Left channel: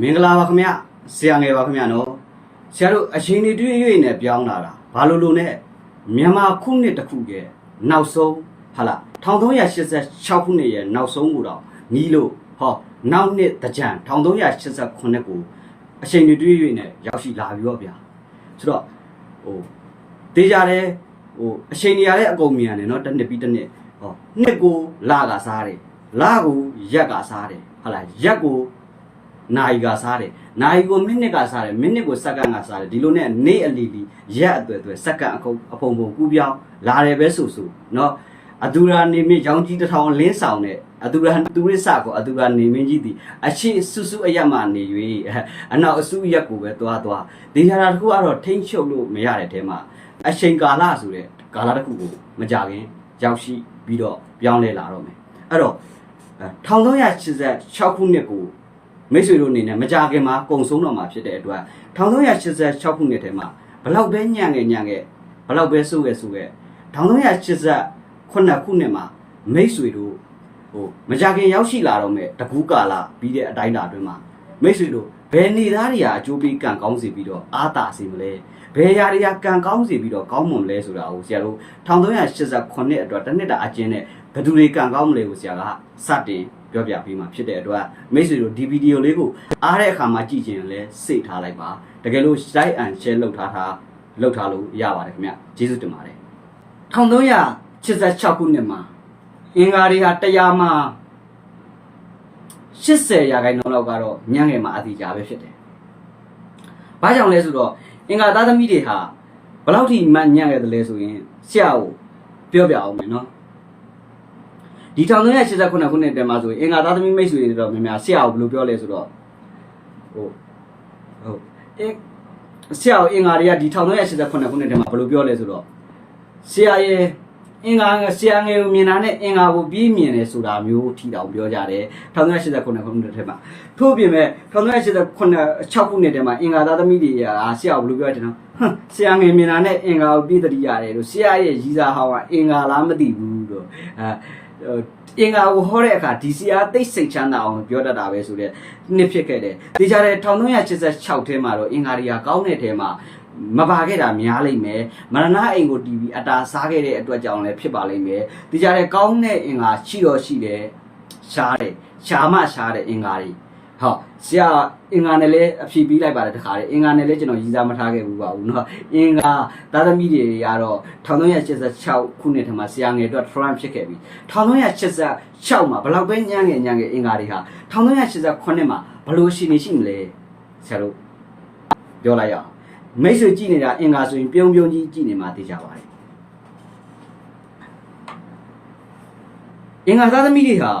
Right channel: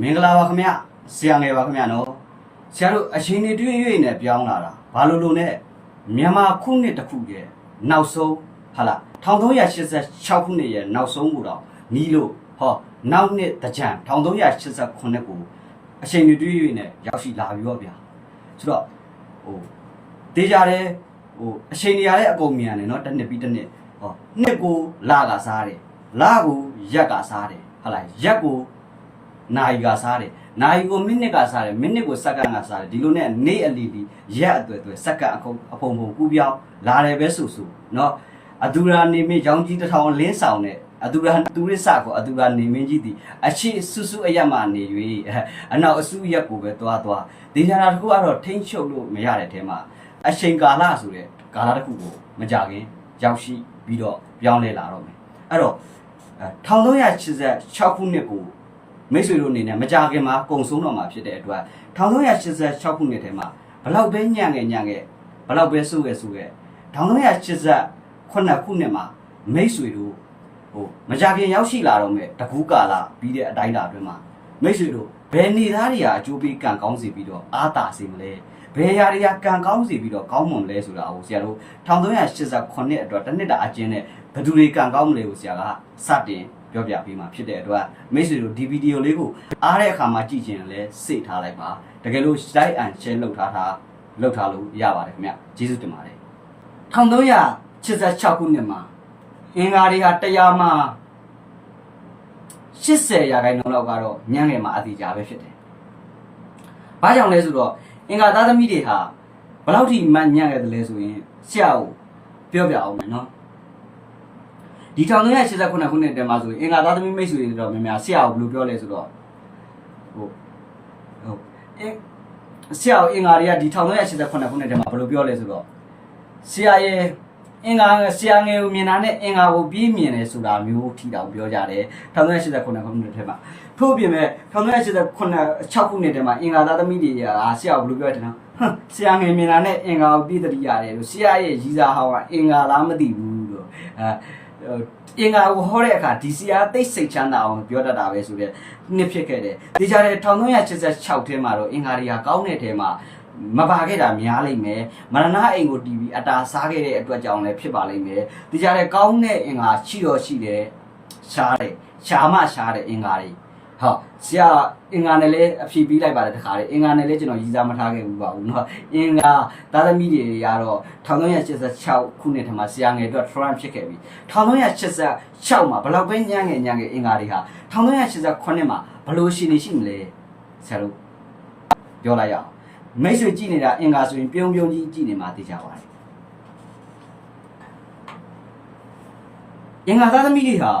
မင်္ဂလာပါခင်ဗျဆရာငယ်ပါခင်ဗျနော်ဆရာတို့အချိန်တွေတွေ့၍နဲ့ပြောင်းလာတာဘာလို့လို့နဲ့မြန်မာခုနှစ်တစ်ခုရဲ့နောက်ဆုံးဟာလား1386ခုနှစ်ရဲ့နောက်ဆုံးကိုတော့နီးလို့ဟောနောက်နှစ်တကြံ1389ကိုအချိန်တွေတွေ့၍နဲ့ရောက်ရှိလာပြီတော့ဗျာဆိုတော့ဟိုတေးကြတယ်ဟိုအချိန်တွေရတဲ့အကုန်မြန်တယ်နော်တစ်နှစ်ပြီးတစ်နှစ်ဟောနှစ်ကိုလကစားတယ်လကိုရက်ကစားတယ်ဟာလားရက်ကို နိုင်ကစားတယ်နိုင်ကိုမိနစ်ကစားတယ်မိနစ်ကိုစက္ကန့်ကစားတယ်ဒီလိုနဲ့နေ့အလီလီရက်အသွဲ့သွဲစက္ကန့်အခုအဖုံဖုံကူးပြောင်းလာတယ်ပဲဆိုဆိုเนาะအဒူရာနေမင်းရောင်ကြီးတစ်ထောင်လင်းဆောင်တဲ့အဒူရာတူရစ်စကိုအဒူရာနေမင်းကြီးဒီအရှိစုစုအရက်မှနေ၍အနောက်အစုရက်ကိုပဲသွားသွားဒီဟာတစ်ခုကတော့ထိမ့်ချုပ်လို့မရတဲ့တဲမှာအချိန်ကာလဆိုတဲ့ကာလတစ်ခုကိုမကြခင်ရောက်ရှိပြီးတော့ပြောင်းလဲလာတော့မယ်အဲ့တော့1386ခုနှစ်ကို မိတ်ဆွေတို့အနေနဲ့မကြခင်မှာကုံဆုံးတော့မှာဖြစ်တဲ့အတွက်1386ခုနှစ်ထဲမှာဘလောက်ပဲညံ့ငယ်ညံ့ငယ်ဘလောက်ပဲစိုးငယ်စိုးငယ်1388ခုနှစ်မှာမိတ်ဆွေတို့ဟိုမကြခင်ရောက်ရှိလာတော့မဲ့တကူးကာလာပြီးတဲ့အတိုင်းတာအတွင်းမှာမိတ်ဆွေတို့ဘယ်နေသားတွေကအကျိုးပေးကံကောင်းစေပြီးတော့အာသာစေမလဲဘယ်ຢာတွေကကံကောင်းစေပြီးတော့ကောင်းမွန်လဲဆိုတာကိုဆရာတို့1388အတွက်တစ်နှစ်တာအကျဉ်းနဲ့ဘယ်သူတွေကံကောင်းမလဲကိုဆရာကစတင် ပြောပြပေးမှာဖြစ်တဲ့အတွက်မိတ်ဆွေတို့ဒီဗီဒီယိုလေးကိုအားတဲ့အခါမှာကြည့်ချင်လဲစိတ်ထားလိုက်ပါတကယ်လို့ like and share လုပ်ထားတာလုပ်ထားလို့ရပါတယ်ခင်ဗျကျေးဇူးတင်ပါတယ်1386ခုနှစ်မှာအင်္ဂါတွေဟာတရားမှာ80ရာခိုင်နှုန်းလောက်ကတော့ညံ့ငယ်မှာအတိအကျပဲဖြစ်တယ်။ဘာကြောင့်လဲဆိုတော့အင်္ဂါသားသမီးတွေဟာဘယ်လောက်ထိမှညံ့ခဲ့တယ်လဲဆိုရင်ဆရာကိုပြောပြအောင်မယ်နော်။ ဒီ1389ခုနှစ်တည်းမှာဆိုရင်အင်္ဂါသားသမီးမိတ်ဆွေတွေတော့များများဆရာကိုဘယ်လိုပြောလဲဆိုတော့ဟိုဟုတ်အင်ဆရာကိုအင်္ဂါတွေကဒီ1389ခုနှစ်တည်းမှာဘယ်လိုပြောလဲဆိုတော့ဆရာရဲ့အင်္ဂါဆရာငယ်ကိုမြင်တာနဲ့အင်္ဂါကိုပြီးမြင်တယ်ဆိုတာမျိုးထီတောင်ပြောကြတယ်1389ခုနှစ်ထဲမှာထို့ပြင်မဲ့1389 6ခုနှစ်ထဲမှာအင်္ဂါသားသမီးတွေကဆရာကိုဘယ်လိုပြောတယ်နော်ဟမ်ဆရာငယ်မြင်တာနဲ့အင်္ဂါကိုပြီးတတိရတယ်လို့ဆရာရဲ့ရီစာဟောင်းကအင်္ဂါလားမသိဘူး လို့အဲအင်္ဂါကိုဟောတဲ့အခါဒီဆရာသိစိတ်ချမ်းသာအောင်ပြောတတ်တာပဲဆိုတဲ့နှစ်ဖြစ်ခဲ့တယ်။ဒီကြတဲ့1386ထဲမှာတော့အင်္ဂါတွေကကောင်းတဲ့ထဲမှာမပါခဲ့တာများလိမ့်မယ်မရဏအိမ်ကိုတီးပြီးအတာစားခဲ့တဲ့အတွက်ကြောင့်လည်းဖြစ်ပါလိမ့်မယ်ဒီကြတဲ့ကောင်းတဲ့အင်္ဂါရှိတော့ရှိတယ်ရှားတယ်ရှားမှရှားတဲ့အင်္ဂါတွေ ဟောဆရာအင်္ဂါနဲ့လည်းအဖြေပေးလိုက်ပါတယ်တခါလေအင်္ဂါနဲ့လည်းကျွန်တော်ရည်စားမထားခဲ့ဘူးပါဘူးเนาะအင်္ဂါသားသမီးတွေကတော့1386ခုနှစ်ထမှာဆရာငယ်အတွက် Trump ဖြစ်ခဲ့ပြီ1386မှာဘယ်လောက်ပဲညံ့ငယ်ညံ့ငယ်အင်္ဂါတွေဟာ1389မှာဘယ်လိုရှိနေရှိမလဲဆရာတို့ပြောလိုက်ရအောင်မိတ်ဆွေကြည့်နေတာအင်္ဂါဆိုရင်ပြုံးပြုံးကြီးကြည့်နေမှသိကြပါတယ်အင်္ဂါသားသမီးတွေဟာ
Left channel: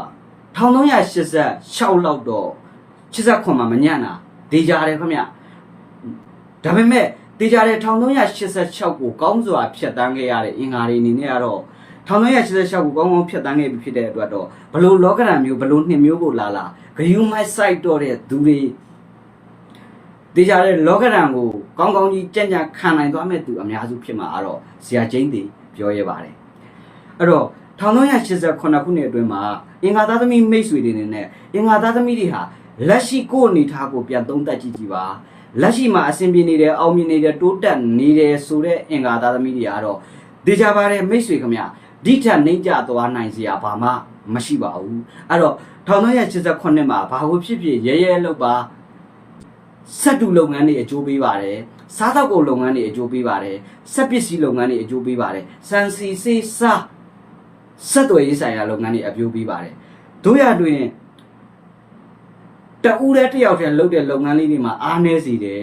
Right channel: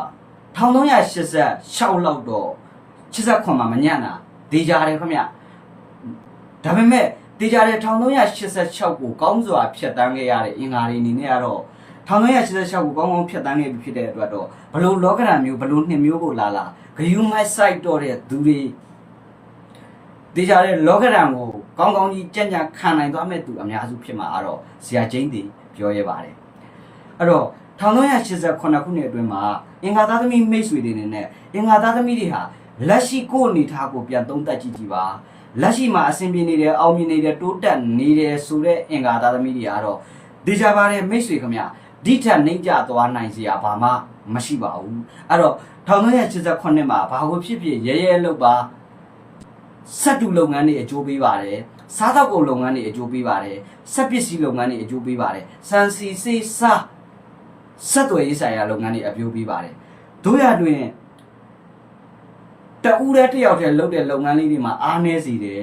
1386လောက်တော့ 89မှာမညံ့တာဒေကြတယ်ခင်ဗျဒါပေမဲ့ဒေကြတယ်1386ကိုကောင်းစွာဖျက်တမ်းခဲ့ရတဲ့အင်္ဂါတွေအနေနဲ့ကတော့1386ကိုကောင်းကောင်းဖျက်တမ်းခဲ့ပြီဖြစ်တဲ့အတွက်တော့ဘလို့လောကဓာတ်မျိုးဘလို့နှစ်မျိုးကိုလာလာဂယုမိုက်ဆိုင်တော့တဲ့သူတွေတေချာတဲ့လောကဓာတ်ကိုကောင်းကောင်းကြီးကြံ့ကြံ့ခံနိုင်သွားမဲ့သူအများစုဖြစ်မှာအဲ့တော့ဇာကျင်းတီပြောရဲပါတယ်အဲ့တော့1388ခုနှစ်အတွင်းမှာအင်္ဂါသားသမီးမိတ်ဆွေတွေနေနဲ့အင်္ဂါသားသမီးတွေဟာ လက်ရှိကိုယ်အနေထားကိုပြန်သုံးသပ်ကြည့်ကြည့်ပါလက်ရှိမှာအဆင်ပြေနေတယ်အောင်မြင်နေတယ်တိုးတက်နေတယ်ဆိုတဲ့အင်္ဂါသားသမီးတွေကတော့ဒေချာပါတယ်မိတ်ဆွေခမဒီထက်နှိမ့်ကြသွားနိုင်စရာဘာမှမရှိပါဘူးအဲ့တော့1388ခုနှစ်မှာဘာလို့ဖြစ်ဖြစ်ရဲရဲလောက်ပါစက်တူလုပ်ငန်းတွေအကျိုးပေးပါတယ်စားသောက်ကုန်လုပ်ငန်းတွေအကျိုးပေးပါတယ်စက်ပစ္စည်းလုပ်ငန်းတွေအကျိုးပေးပါတယ်စံစီစေးစားဆက်သွယ်ရေးဆိုင်ရာလုပ်ငန်းတွေအကျိုးပေးပါတယ်တို့ရတွင် တဦးတည်းတစ်ယောက်တည်းလုပ်တဲ့လုပ်ငန်းလေးတွေမှာအားနည်းစေတယ်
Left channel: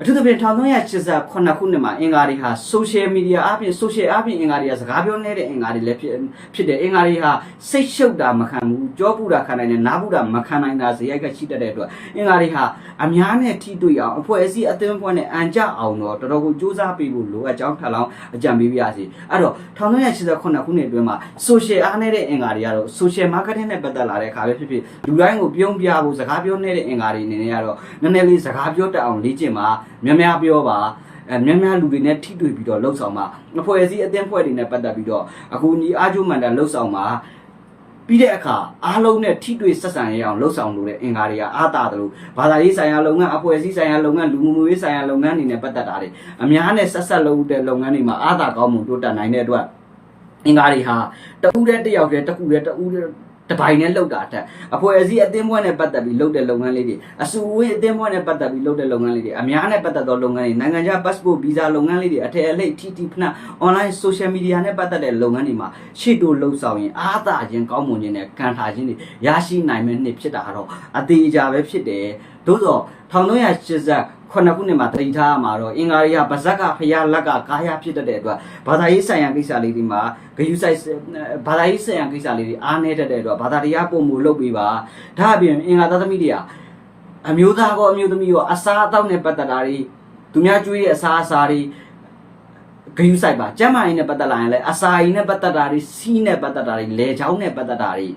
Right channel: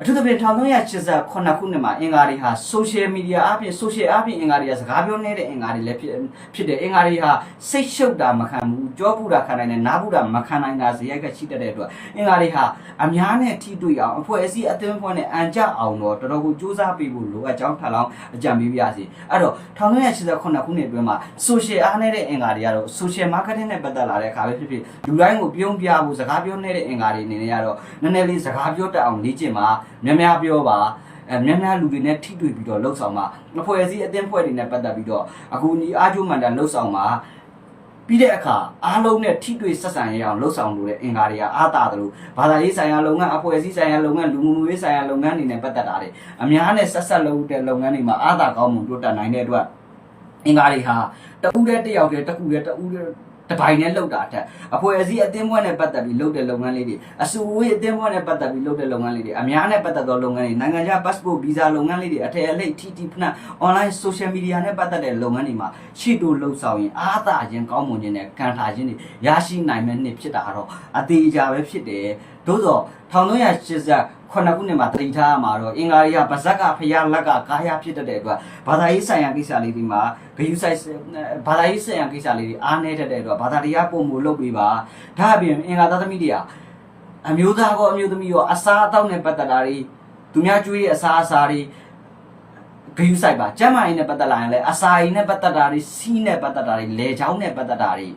အထူးသဖြင့်1388ခုနှစ်မှာအင်္ဂါတွေဟာ social media အပြင် social အပြင်အင်္ဂါတွေကစကားပြောနေတဲ့အင်္ဂါတွေလည်းဖြစ်ဖြစ်တယ်အင်္ဂါတွေဟာစိတ်ရှုပ်တာမခံဘူးကြောပူတာခံနိုင်တယ်နားပူတာမခံနိုင်တာဇေယိုက်ကရှိတတ်တဲ့အတွက်အင်္ဂါတွေဟာအများနဲ့ထိတွေ့အောင်အဖွဲ့အစည်းအသင်းအဖွဲ့နဲ့အန်ကြအောင်တော့တော်တော်ကိုစူးစမ်းပေးဖို့လိုအပ်ကြောင်းထပ်လောင်းအကြံပေးပြရစီအဲ့တော့1388ခုနှစ်အတွင်းမှာ social အားနေတဲ့အင်္ဂါတွေကတော့ social marketing နဲ့ပတ်သက်လာတဲ့အခါပဲဖြစ်ဖြစ်လူတိုင်းကိုပြုံးပြဖို့စကားပြောနေတဲ့အင်္ဂါတွေအနေနဲ့ကတော့နည်းနည်းလေးစကားပြောတတ်အောင်လေ့ကျင့်ပါများများပြောပါအဲများများလူတွေနဲ့ထိတွေ့ပြီးတော့လှုပ်ဆောင်ပါအဖွဲ့အစည်းအသင်းဖွဲ့တွေနဲ့ပတ်သက်ပြီးတော့အခုညီအားကျိုးမှန်တာလှုပ်ဆောင်ပါပြီးတဲ့အခါအားလုံးနဲ့ထိတွေ့ဆက်ဆံရအောင်လှုပ်ဆောင်လို့တဲ့အင်္ဂါတွေကအားတာတယ်လို့ဘာသာရေးဆိုင်ရာလုပ်ငန်းအဖွဲ့အစည်းဆိုင်ရာလုပ်ငန်းလူမှုမှုရေးဆိုင်ရာလုပ်ငန်းတွေနဲ့ပတ်သက်တာတွေအများနဲ့ဆက်ဆက်လုပ်တဲ့လုပ်ငန်းတွေမှာအားတာကောင်းမှုတိုးတက်နိုင်တဲ့အတွက်အင်္ဂါတွေဟာတဦးတည်းတစ်ယောက်တည်းတစ်ခုတည်းတဦးတည်း တပိုင်နဲ့လောက်တာအထက်အဖွဲ့အစည်းအသင်းပွဲနဲ့ပတ်သက်ပြီးလုပ်တဲ့လုပ်ငန်းလေးတွေအစုအဝေးအသင်းပွဲနဲ့ပတ်သက်ပြီးလုပ်တဲ့လုပ်ငန်းလေးတွေအများနဲ့ပတ်သက်သောလုပ်ငန်းတွေနိုင်ငံခြား passport visa လုပ်ငန်းလေးတွေအထည်အလိပ် TT ဖနာ online social media နဲ့ပတ်သက်တဲ့လုပ်ငန်းတွေမှာရှေ့တိုးလှုပ်ဆောင်ရင်အားသာခြင်းကောင်းမွန်ခြင်းနဲ့ကန်ထားခြင်းတွေရရှိနိုင်မယ့်နှစ်ဖြစ်တာကတော့အသေးအကြပဲဖြစ်တယ်သို့သော1380 ခုနှစ်ခုနှစ်မှာတတိထားရမှာတော့အင်္ဂါရိယပါဇက်ကဖျားလက်ကကာယဖြစ်တတ်တဲ့အတွက်ဘာသာရေးဆိုင်ရာကိစ္စလေးတွေမှာဂယုဆိုင်ဘာသာရေးဆိုင်ရာကိစ္စလေးတွေအားနည်းတတ်တဲ့အတွက်ဘာသာတရားပုံမူလုပ်ပေးပါဒါအပြင်အင်္ဂါသသမီးတွေဟာအမျိုးသားကောအမျိုးသမီးရောအစားအသောက်နဲ့ပတ်သက်တာတွေသူများကျွေးတဲ့အစားအစာတွေဂယုဆိုင်ပါကျမ်းမာရေးနဲ့ပတ်သက်လာရင်လည်းအစာရည်နဲ့ပတ်သက်တာတွေစီးနဲ့ပတ်သက်တာတွေလေချောင်းနဲ့ပတ်သက်တာတွေ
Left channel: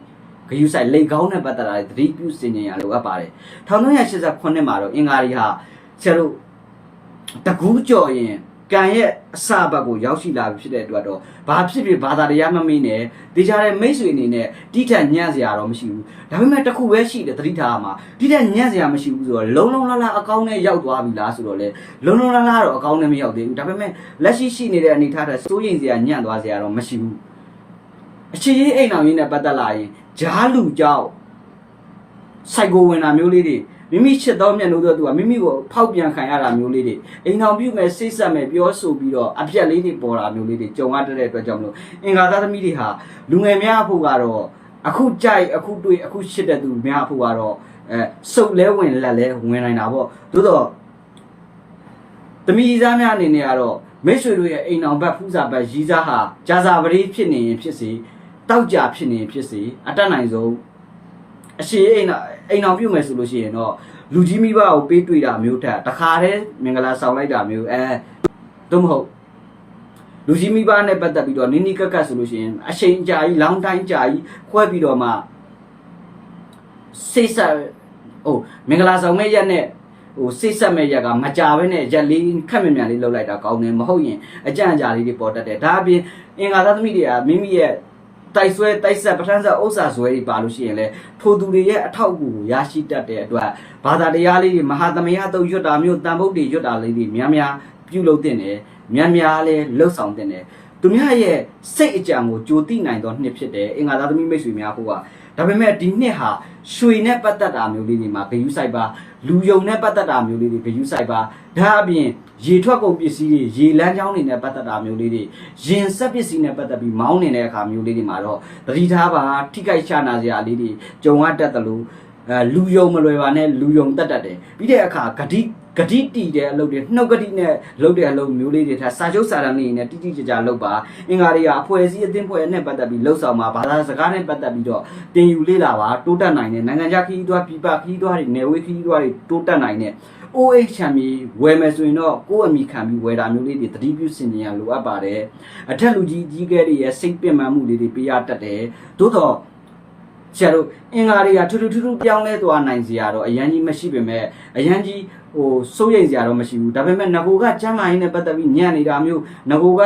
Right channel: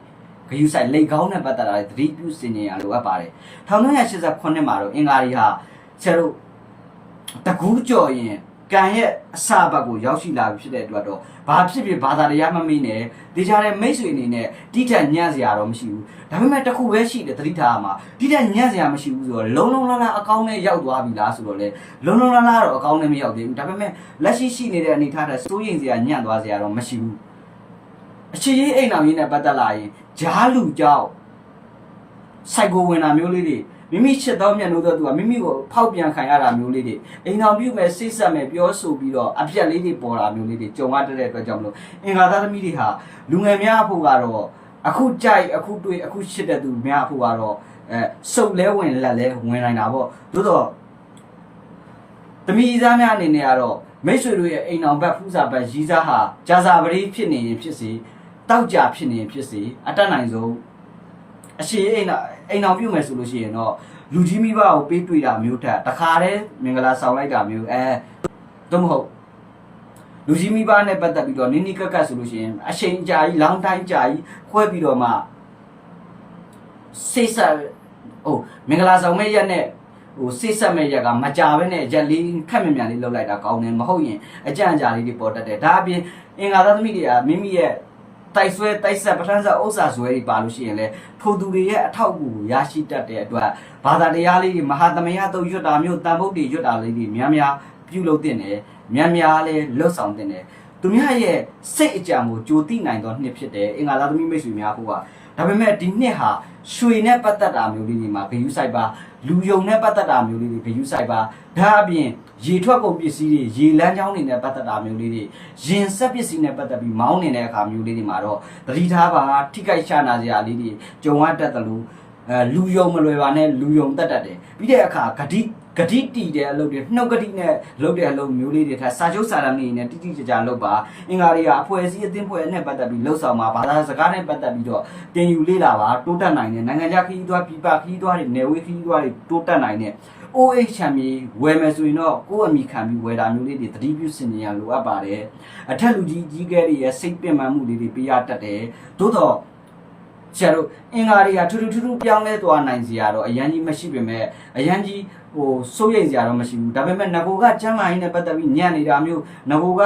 ဂယုဆိုင်လေကောင်းနဲ့ပတ်သက်တာတွေသတိပြုစင်ကြင်ရလိုအပ်ပါတယ်1989မှာတော့အင်္ဂါရီဟာ ဆရာတို့တကူးကြော်ရင်ကံရဲ့အစဘက်ကိုရောက်ရှိလာပြီဖြစ်တဲ့အတွက်တော့ဘာဖြစ်ဖြစ်ဘာသာတရားမမေ့နဲ့တေချာတဲ့မိတ်ဆွေအနေနဲ့တိထက်ညံ့စရာတော့မရှိဘူးဒါပေမဲ့တခုပဲရှိတယ်သတိထားရမှာတိထက်ညံ့စရာမရှိဘူးဆိုတော့လုံလုံလလအကောင်းနဲ့ရောက်သွားပြီလားဆိုတော့လေလုံလုံလလတော့အကောင်းနဲ့မရောက်သေးဘူးဒါပေမဲ့လက်ရှိရှိနေတဲ့အနေအထားတဲ့စိုးရိမ်စရာညံ့သွားစရာတော့မရှိဘူးအခြေကြီးအိမ်အောင်ကြီးနဲ့ပတ်သက်လာရင်ဂျားလူကြောက်စိုက်ကိုဝင်တာမျိုးလေးတွေ မိမိချစ်သောမျက်နှာတော့သူကမိမိကိုဖောက်ပြန်ခံရတာမျိုးလေးတွေအိမ်အောင်ပြုမဲ့စိတ်ဆက်မဲ့ပြောဆိုပြီးတော့အပြက်လေးတွေပေါ်တာမျိုးလေးတွေကြုံရတဲ့အတွက်ကြောင့်မလို့အင်္ဂါသားသမီးတွေဟာလူငယ်များအဖို့ကတော့အခုကြိုက်အခုတွေ့အခုချစ်တဲ့သူများအဖို့ကတော့အဲစုပ်လဲဝင်လက်လဲဝင်နိုင်တာပေါ့သို့တော့သမီးသားများအနေနဲ့ကတော့မိတ်ဆွေတို့ရဲ့အိမ်အောင်ဘက်ဖူးစာဘက်ရီးစားဟာဂျာစာပရိဖြစ်နေရင်ဖြစ်စေတောက်ကြဖြစ်နေရင်ဖြစ်စေအတက်နိုင်ဆုံးအရှိအိမ်အောင် အိမ်အောင်ပြုတ်မယ်ဆိုလို့ရှိရင်တော့လူကြီးမိဘကိုပေးတွေ့တာမျိုးထက်တခါတည်းမင်္ဂလာဆောင်လိုက်တာမျိုးအဲတော့မဟုတ်လူကြီးမိဘနဲ့ပတ်သက်ပြီးတော့နိနိကက်ကက်ဆိုလို့ရှိရင်အချိန်ကြာကြီးလောင်းတိုင်းကြာကြီးခွဲပြီးတော့မှစိတ်ဆက်ဟိုမင်္ဂလာဆောင်မဲ့ရက်နဲ့ဟိုစိတ်ဆက်မဲ့ရက်ကမကြဘဲနဲ့ရက်လေးခက်မြမြန်လေးလှုပ်လိုက်တာကောင်းတယ်မဟုတ်ရင်အကြံအကြာလေးတွေပေါ်တတ်တယ်ဒါအပြင်အင်္ဂါသားသမီးတွေကမိမိရဲ့ တိုက်ဆွဲတိုက်ဆက်ပထမဆက်ဥစ္စာဆွဲတွေပါလို့ရှိရင်လေထိုသူတွေရဲ့အထောက်အကူကိုရရှိတတ်တဲ့အတွက်ဘာသာတရားလေးတွေမဟာသမယတုတ်ရွတ်တာမျိုးတန်ဖို့တွေရွတ်တာလေးတွေများများပြုလုပ်တင်တယ်များများလဲလှုပ်ဆောင်တင်တယ်သူများရဲ့စိတ်အကြံကိုကြိုတိနိုင်သောနှစ်ဖြစ်တယ်အင်္ဂါသားသမီးမိတ်ဆွေများဖို့က ဒါပေမဲ့ဒီနှစ်ဟာရွှေနဲ့ပတ်သက်တာမျိုးလေးတွေမှာဂယုဆိုင်ပါလူယုံနဲ့ပတ်သက်တာမျိုးလေးတွေဂယုဆိုင်ပါဒါအပြင်ရေထွက်ကုန်ပစ္စည်းတွေရေလမ်းကြောင်းတွေနဲ့ပတ်သက်တာမျိုးလေးတွေရင်ဆက်ပစ္စည်းနဲ့ပတ်သက်ပြီးမောင်းနေတဲ့အခါမျိုးလေးတွေမှာတော့တတိထားပါထိခိုက်ချနာစရာလေးတွေကြုံရတတ်တယ်လို့အဲလူယုံမလွယ်ပါနဲ့လူယုံတတ်တတ်တယ်ပြီးတဲ့အခါဂတိ ဂတိတီတဲ့အလုပ်တွေနှုတ်ဂတိနဲ့လုပ်တဲ့အလုပ်မျိုးလေးတွေထားစာချုပ်စာတမ်းလေးတွေနဲ့တိတိကျကျလုပ်ပါအင်္ဂါတွေကအဖွဲ့အစည်းအသင်းဖွဲ့နဲ့ပတ်သက်ပြီးလှုပ်ဆောင်ပါဘာသာစကားနဲ့ပတ်သက်ပြီးတော့တင်ယူလေ့လာပါတိုးတက်နိုင်တဲ့နိုင်ငံခြားခရီးသွားပြည်ပခရီးသွားတွေနယ်ဝေးခရီးသွားတွေတိုးတက်နိုင်တဲ့ OH ချမ်းမြေဝယ်မယ်ဆိုရင်တော့ကိုယ့်အမိခံပြီးဝယ်တာမျိုးလေးတွေသတိပြုစင်ကြရလိုအပ်ပါတယ်အထက်လူကြီးကြီးကဲတွေရဲ့စိတ်ပင်ပန်းမှုလေးတွေပေးရတတ်တယ်သို့တော့ ဆရာတို့အင်္ဂါတွေကထူးထူးထူးထူးပြောင်းလဲသွားနိုင်စရာတော့အရန်ကြီးမရှိပေမဲ့အရန်ကြီးဟိုစိုးရိမ်စရာတော့မရှိဘူးဒါပေမဲ့ငကိုကကျမ်းမာရေးနဲ့ပတ်သက်ပြီးညံ့နေတာမျိုးငကိုက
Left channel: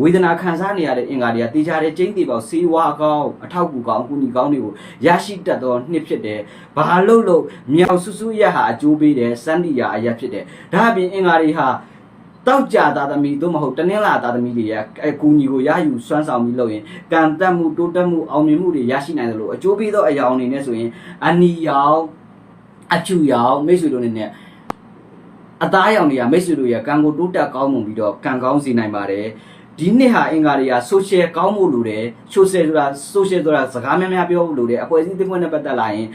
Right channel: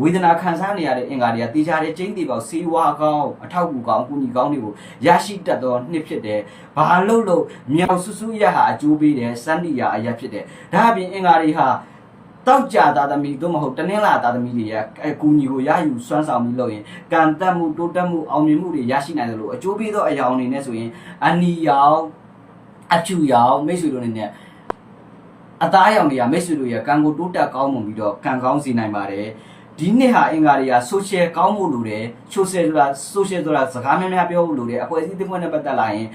ဝေဒနာခံစားနေရတဲ့အင်္ဂါတွေကတေချာတဲ့ကျင်းသေးပေါက်ဆေးဝါးကောင်းအထောက်အကူကောင်းအကူအညီကောင်းတွေကိုရရှိတတ်သောနှစ်ဖြစ်တယ်ဘာလို့လို့မြောက်ဆူဆူရဟာအကျိုးပေးတယ်စန္ဒီယာအရာဖြစ်တယ်ဒါအပြင်အင်္ဂါတွေဟာ တောက်ကြသားသမီးတို့မဟုတ်တနင်္လာသားသမီးတွေရဲ့အကူညီကိုရယူစွမ်းဆောင်ပြီးလုပ်ရင်ကံတက်မှုတိုးတက်မှုအောင်မြင်မှုတွေရရှိနိုင်တယ်လို့အကျိုးပေးသောအရာအနေနဲ့ဆိုရင်အနီရောင်အဖြူရောင်မိတ်ဆွေတို့နဲ့အသားရောင်တွေကမိတ်ဆွေတို့ရဲ့ကံကိုတိုးတက်ကောင်းမွန်ပြီးတော့ကံကောင်းစေနိုင်ပါတယ် ဒီနှစ်ဟာအင်္ဂါတွေက social ကောင်းဖို့လိုတယ် social ဆိုတာ social ဆိုတာစကားများများပြောဖို့လိုတယ်အဖွဲ့အစည်းတစ်ဖွဲ့နဲ့ပတ်သက်လာရင်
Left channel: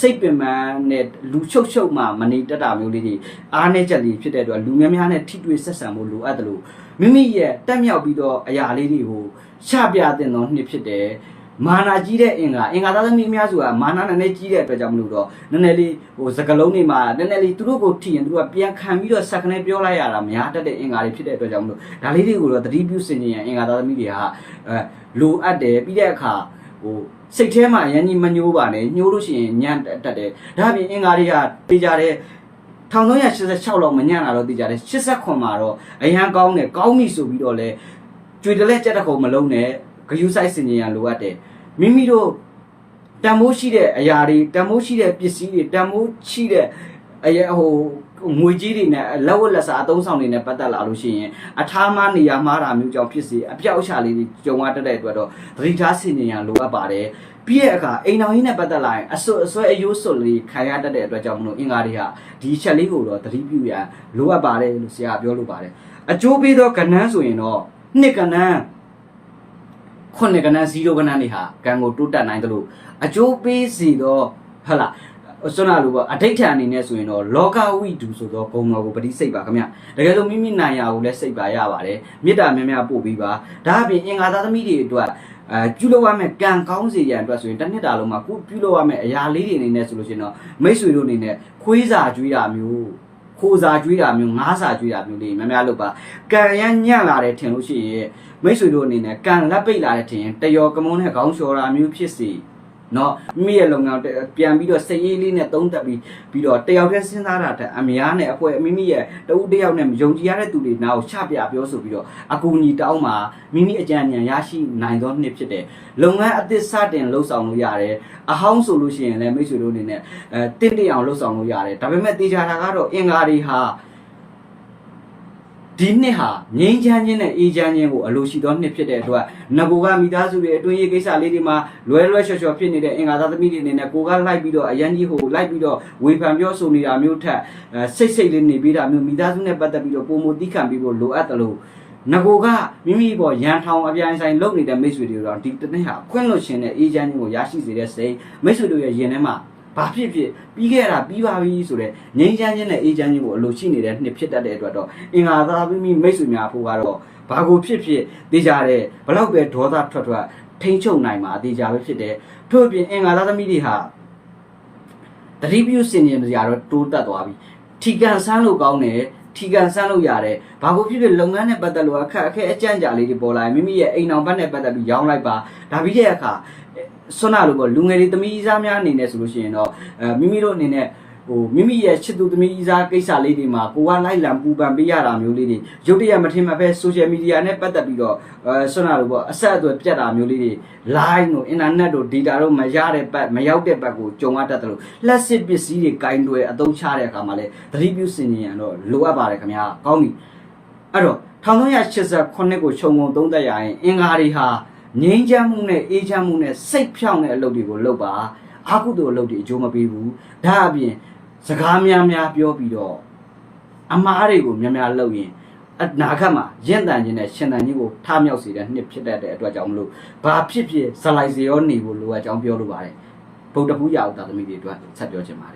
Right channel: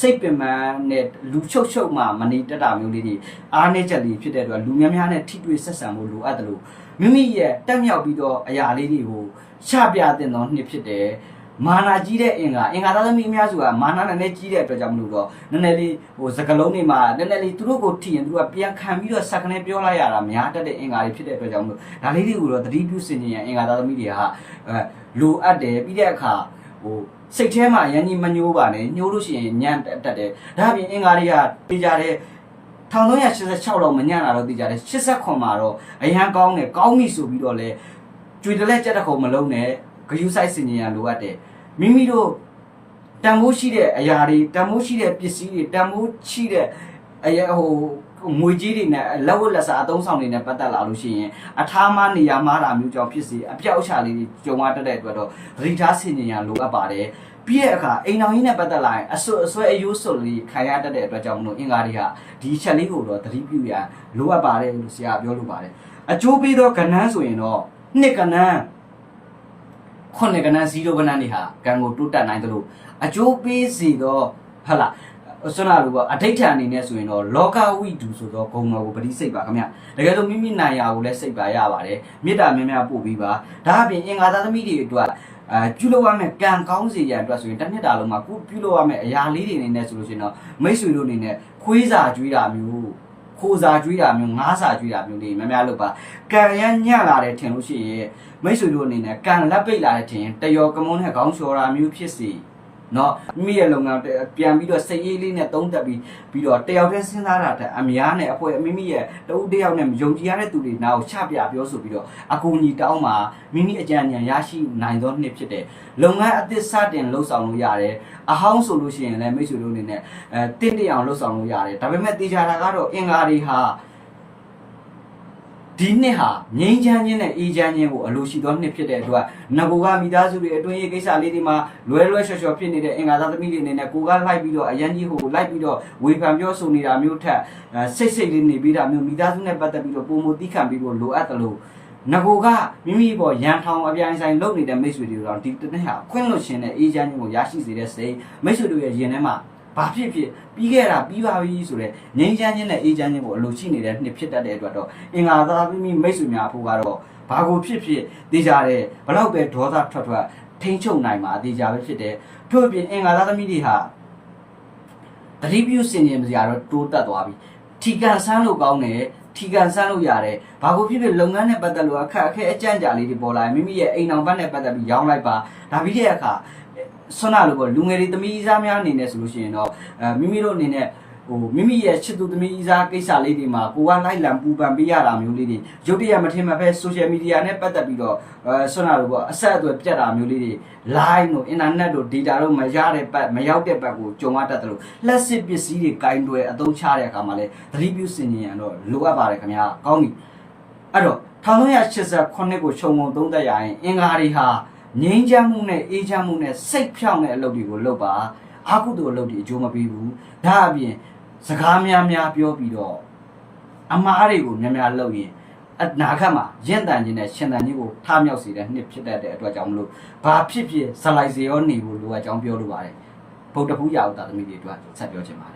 စိတ်ပင်ပန်းနဲ့လူချုပ်ချုပ်မှမနေတတ်တာမျိုးလေးတွေအားနည်းချက်လေးဖြစ်တဲ့အတွက်လူများများနဲ့ထိတွေ့ဆက်ဆံဖို့လိုအပ်တယ်လို့မိမိရဲ့တက်မြောက်ပြီးတော့အရာလေးတွေကိုရှပြတဲ့သောနှစ်ဖြစ်တယ် မာနာကြီးတဲ့အင်္ဂါအင်္ဂါသားသမီးအများစုကမာနာနည်းနည်းကြီးတဲ့အတွက်ကြောင့်မလို့တော့နည်းနည်းလေးဟိုစကလုံးတွေမှာနည်းနည်းလေးသူတို့ကိုထိရင်သူတို့ကပြန်ခံပြီးတော့စက်ကနေပြောလိုက်ရတာများတတ်တဲ့အင်္ဂါတွေဖြစ်တဲ့အတွက်ကြောင့်မလို့ဒါလေးတွေကိုတော့သတိပြုစင်ကြင်အင်္ဂါသားသမီးတွေကအဲလိုအပ်တယ်ပြီးတဲ့အခါဟိုစိတ်ထဲမှာအရင်ကြီးမညှိုးပါနဲ့ညှိုးလို့ရှိရင်ညံ့တတ်တယ်ဒါပြင်အင်္ဂါတွေကပေးကြတဲ့1386လောက်မညံ့တာတော့သိကြတယ်89မှာတော့အရန်ကောင်းတယ်ကောင်းပြီဆိုပြီးတော့လဲကြွေတလဲကြက်တခုံမလုံးနဲ့ ဂယုစိုက်စင်ကြင်ရလိုအပ်တယ်မိမိတို့တန်မိုးရှိတဲ့အရာတွေတန်မိုးရှိတဲ့ပစ္စည်းတွေတန်မိုးရှိတဲ့အရာဟိုငွေကြီးတွေနဲ့လက်ဝတ်လက်စားအသုံးဆောင်တွေနဲ့ပတ်သက်လာလို့ရှိရင်အထားမနေရမှားတာမျိုးကြောင့်ဖြစ်စေအပြောက်အချလေးတွေကြုံရတတ်တဲ့အတွက်တော့သတိထားဆင်ခြင်ရန်လိုအပ်ပါတယ်ပြီးရဲ့အခါအိမ်တော်ကြီးနဲ့ပတ်သက်လာရင်အဆွအဆွဲအယိုးစွတ်လေးခံရတတ်တဲ့အတွက်ကြောင့်မလို့အင်္ဂါတွေဟာဒီချက်လေးကိုတော့သတိပြုရန်လိုအပ်ပါတယ်လို့ဆရာကပြောလိုပါတယ်အကျိုးပေးသောကဏ္ဍဆိုရင်တော့နှစ်ကဏ္ဍ ခုနှစ်ကဏ္ဍ0ကဏ္ဍတွေဟာကံကိုတိုးတက်နိုင်တယ်လို့အကျိုးပေးစီတော့ဟဟလာဆွမ်းနာလို့ပေါ့အဋိဋ္ဌာန်အနေနဲ့ဆိုရင်တော့လောကဝိတုဆိုတော့ဂုံတော်ကိုပတိစိတ်ပါခင်ဗျတကယ်လို့မိမိနိုင်ရာကိုလည်းစိတ်ပါရပါတယ်မေတ္တာများများပို့ပြီးပါဒါအပြင်အင်္ဂါသားသမီးတွေအတွက်အဲပြုလုပ်ရမယ်ကံကောင်းစေရန်အတွက်ဆိုရင်တစ်နှစ်တာလုံးမှာကိုပြုလုပ်ရမယ်အရာလေးတွေအနေနဲ့ဆိုလို့ရှိရင်တော့မိတ်ဆွေတို့အနေနဲ့ခွေးစာကျွေးတာမျိုး ခိုးစာကျွေးတာမျိုးငားစာကျွေးတာမျိုးလေးများများလုပ်ပါကံရညံ့လာတယ်ထင်လို့ရှိရင်မိတ်ဆွေတို့အနေနဲ့ကံလက်ပိတ်လာတဲ့ထင်ရင်တယောကမုန်းနဲ့ခေါင်းလျှော်တာမျိုးဖြစ်စီ เนาะမိရဲ့လုပ်ငန်းပြန်ပြီးတော့စိတ်အေးလေးနဲ့သုံးသက်ပြီးပြီးတော့တယောက်တည်းစဉ်းစားတာတဲ့အများနဲ့အဖွဲမိမိရဲ့တဦးတယောက်နဲ့ယုံကြည်ရတဲ့သူတွေနာကိုချပြပြောဆိုပြီးတော့အကူအညီတောင်းမှာမိမိအကြံဉာဏ်ရရှိနိုင်သောနှစ်ဖြစ်တယ်လုပ်ငန်းအသစ်စတင်လှုပ်ဆောင်လို့ရတယ်အဟောင်းဆိုလို့ရှိရင်လည်းမိတ်ဆွေတို့အနေနဲ့အဲတင့်တယ်အောင်လှုပ်ဆောင်လို့ရတယ်ဒါပေမဲ့တေချာတာကတော့အင်္ဂါတွေဟာ ဒီနှစ်ဟာငိမ့်ချမ်းခြင်းနဲ့အေးချမ်းခြင်းကိုအလိုရှိသောနှစ်ဖြစ်တဲ့အတွက်ငကိုကမိသားစုတွေအတွင်းရေးကိစ္စလေးတွေမှာလွဲလွဲချော်ချော်ဖြစ်နေတဲ့အင်္ဂါသားသမီးတွေအနေနဲ့ကိုကလိုက်ပြီးတော့အရန်ကြီးဟိုလိုက်ပြီးတော့ဝေဖန်ပြောဆိုနေတာမျိုးထက်အဲစိတ်စိတ်လေးနေပြီးတာမျိုးမိသားစုနဲ့ပတ်သက်ပြီးတော့ပုံမတိခံပြီးဖို့လိုအပ်တယ်လို့ငကိုကမိမိပေါ်ရန်ထောင်အပြိုင်ဆိုင်လုပ်နေတဲ့မိတ်ဆွေတွေတော့ဒီတစ်နှစ်ဟာခွင့်လွှတ်ခြင်းနဲ့အေးချမ်းခြင်းကိုရရှိစေတဲ့စိတ်မိတ်ဆွေတို့ရဲ့ရင်ထဲမှာ ဘာဖြစ်ဖြစ်ပြီးခဲ့တာပြီးပါပြီဆိုတော့ငြိမ်းချမ်းခြင်းနဲ့အေးချမ်းခြင်းကိုအလိုရှိနေတဲ့နှစ်ဖြစ်တတ်တဲ့အတွက်တော့အင်္ဂါသားမိမိမိတ်ဆွေများဖို့ကတော့ဘာကိုဖြစ်ဖြစ်သိကြတဲ့ဘလောက်ပဲဒေါသထွက်ထွက်ထိမ့်ချုပ်နိုင်မှာအသေးကြပဲဖြစ်တယ်ထို့အပြင်အင်္ဂါသားသမီးတွေဟာတတိပြုစင်ကြင်စရာတော့တိုးတက်သွားပြီထီကန်ဆန်းလို့ကောင်းတယ်ထီကန်ဆန်းလို့ရတယ်ဘာကိုဖြစ်ဖြစ်လုပ်ငန်းနဲ့ပတ်သက်လို့အခက်အခဲအကြံ့ကြာလေးတွေပေါ်လာရင်မိမိရဲ့အိမ်အောင်ဘက်နဲ့ပတ်သက်ပြီးရောင်းလိုက်ပါဒါပြီးတဲ့အခါ ဆွမ်းနာလို့ပေါ့လူငယ်တွေသမီးစားများအနေနဲ့ဆိုလို့ရှိရင်တော့အဲမိမိတို့အနေနဲ့ဟိုမိမိရဲ့ချစ်သူသမီးစားကိစ္စလေးတွေမှာကိုကလိုက်လံပူပန်ပေးရတာမျိုးလေးတွေရုပ်တရက်မထင်မှပဲ social media နဲ့ပတ်သက်ပြီးတော့အဲဆွမ်းနာလို့ပေါ့အဆက်အသွယ်ပြတ်တာမျိုးလေးတွေ line တို့ internet တို့ data တို့မရတဲ့ပတ်မရောက်တဲ့ပတ်ကိုကြုံရတတ်တယ်လို့လက်စစ်ပစ္စည်းတွေကင်တွယ်အသုံးချတဲ့အခါမှာလဲသတိပြုစင်ကြင်ရတော့လိုအပ်ပါတယ်ခင်ဗျာကောင်းပြီအဲ့တော့1389ကိုခြုံငုံသုံးသက်ရရင်အင်္ဂါတွေဟာ ငြိမ်းချမ်းမှုနဲ့အေးချမ်းမှုနဲ့စိတ်ဖြောင့်တဲ့အလုပ်တွေကိုလုပ်ပါအာကုသိုလ်အလုပ်တွေအကျိုးမပေးဘူးဒါအပြင်စကားများများပြောပြီးတော့အမားတွေကိုများများလုပ်ရင်အနာဂတ်မှာရင့်တန်ခြင်းနဲ့ရှင်တန်ခြင်းကိုထားမြောက်စေတဲ့နှစ်ဖြစ်တတ်တဲ့အတွက်ကြောင့်မလို့ဘာဖြစ်ဖြစ်ဇလိုက်စေရောနေဖို့လိုအပ်ကြောင်းပြောလိုပါတယ်ဗုဒ္ဓဘုရားဥဒ္ဒသမီးတွေအတွက်ဆက်ပြောချင်ပါတယ်